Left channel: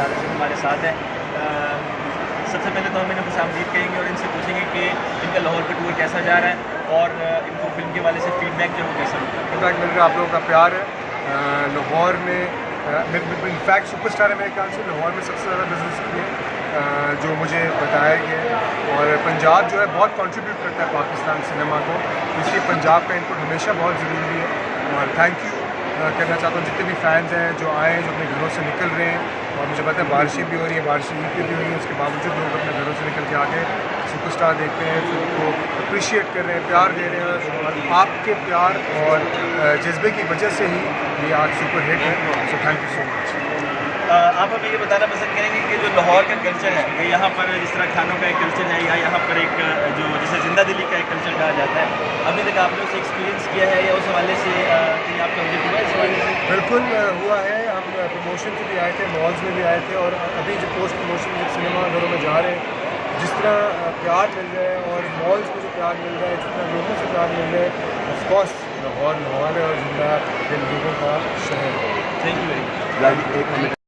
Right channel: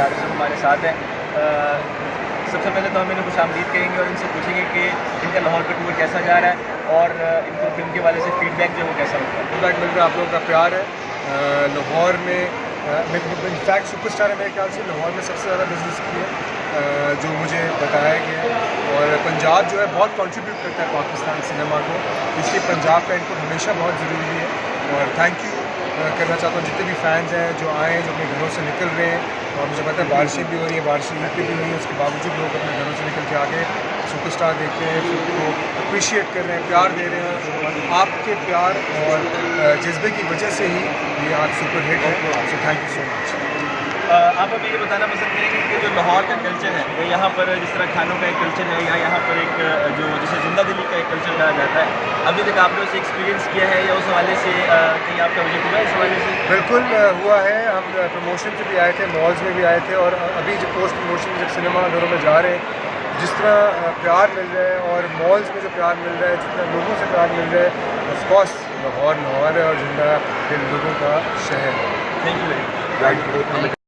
Director हमारे साथ हैं। सबसे पहले तो हम इन्हें खुशामदीद कहेंगे और इनसे पूछेंगे कि इनका लाहौर का टूर कैसा जा रहा है और इनको फिल्म के वाले से फीडबैक जो है वो कैसा मिलता है। फीडबैक मिल रहा है, आप लोगों का प्यार है। लाहौर में इनफैक्ट सुपरस्टार है मेरे ख्याल से लाहौर में सबसे ज़्यादा बिजनेस किए जो मुझे बताया गया। और पंजाब जो है बहुत कंट्रीब्यूट करता है पाकिस्तान सिनेमा को, इसलिए पंजाब का इनपुट हमेशा बहुत ज़रूरी है। और थैंक यू करना चाहता हूँ जितने भी फैंस हैं जो आए हैं, जो अपने घरों से निकल रहे हैं। और मुझे पता है बारिशें भी हो रही हैं, बारिशें ईद भी हो रही हैं, उसके बावजूद लोग अपने घरों से निकल के आके सुपरस्टार देख रहे हैं, फिल्म को अप्रिशिएट कर रहे हैं, प्यार दे रहे हैं। और आपके प्यार और जज्बे की वजह से ही ये आज सुपर हिट है। So thank you so much. आप हमें ये बताना पसंद करेंगे कि जो लाहौर का कल्चर है या यहाँ पर जिस तरह खानों का एक कल्चर है या यहाँ पर एक जो जिसे जिंदा दिली का एक कल्चर कहा जाता है, अभी तक आपने उसे एक्सपीरियंस किया है या उस हवाले से कहीं आपका विजिट हुआ है इस हवाले से? बिल्कुल हुआ है। हम प्रमोशन पे भी आए थे, मॉल्स में भी आए थे और अभी जो पोस्ट प्रमोशन जब सिनेमा घरों में जा रहे हैं, जिस तरह प्यार मिल रहा है और मॉल्स में जो प्यार मिल रहा है, जितना लोगों से प्यार मिल रहा है, ऑफकोर्स लाहौर है और जिंदा इन लोगों का शहर है। Thank you very much.